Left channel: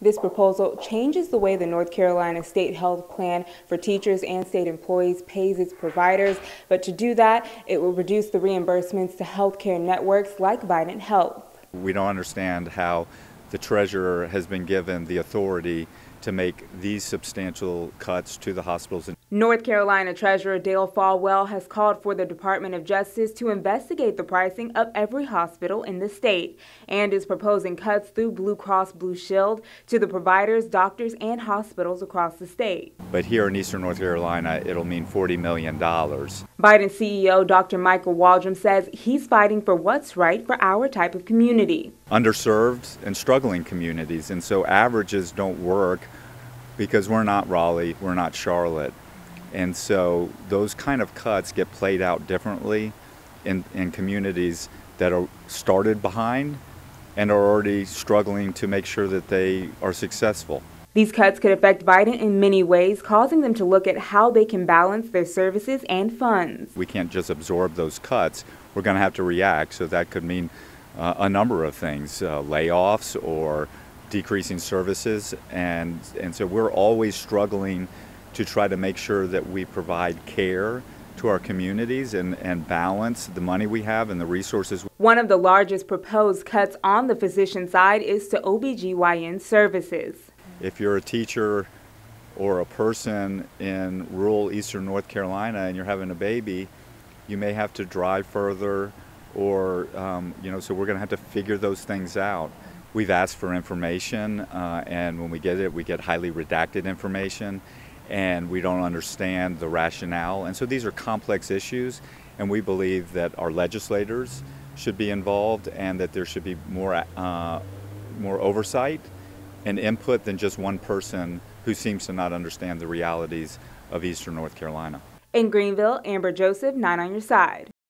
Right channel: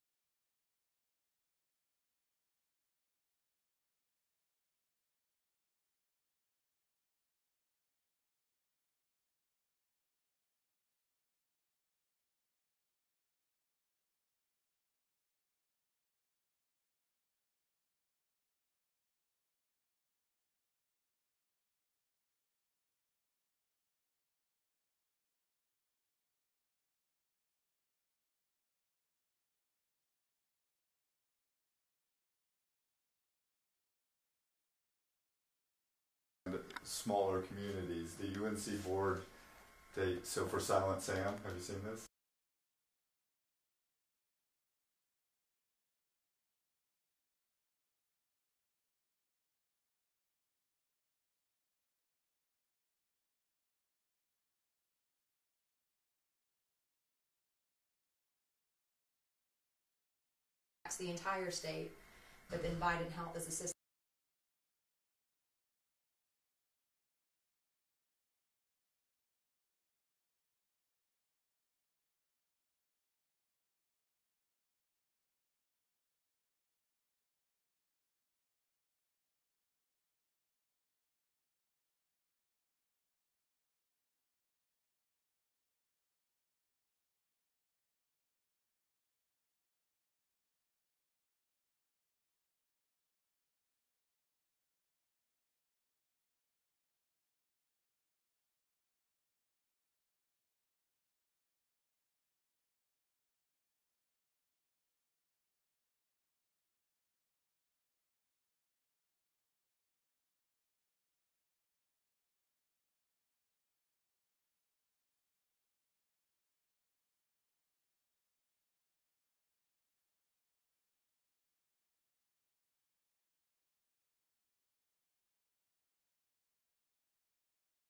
This proposal changes the way the North Carolina State Health Plan for teachers and state employees pays its providers, but to do that, it will reduce the reimbursements to healthcare networks like Vidant Health. We don't understand how the treasurer has been given the authority to make these substantial cuts to the hospitals. North Carolina Treasurer Dale Falwell has called for the Department of Justice to investigate the pricing of every hospital in the state and is proposing cuts through Blue Cross Blue Shield to the providers, doctors, and hospitals across the state. But here in Eastern North Carolina, it'll mean $40 million. Vidant CEO Dr. Michael Waldron says he's fighting for what's right for our type of community. Underserved and struggling communities, and so averages don't work because we're not Raleigh, we're not Charlotte. And so those kind of cuts get played out differently in communities that are started behind and are already struggling to make sure that they are successful. These cuts could affect Vidant in many ways, causing them to look at how they can balance their services and funds. We can't just absorb those cuts. We're going to have to react, so that could mean a number of things, layoffs or decreasing services, and so we're always struggling to try to make sure that we provide care to our communities and balance the money we have and the resources. One of the largest proposed cuts on the physician side is to OBGYN services. If you're a teacher or a person in rural Eastern North Carolina and you're having a baby, you may have to drive further, or so we're going to have to figure those things out. We've asked for information, and when we get highly redacted information, and we don't understand the rationale. And so these are complex issues, and we believe that our legislators should be involved and that there should be more oversight and input than just one person who seems to not understand the realities of Eastern North Carolina. In Greenville, Amber Joseph, 9 on your side.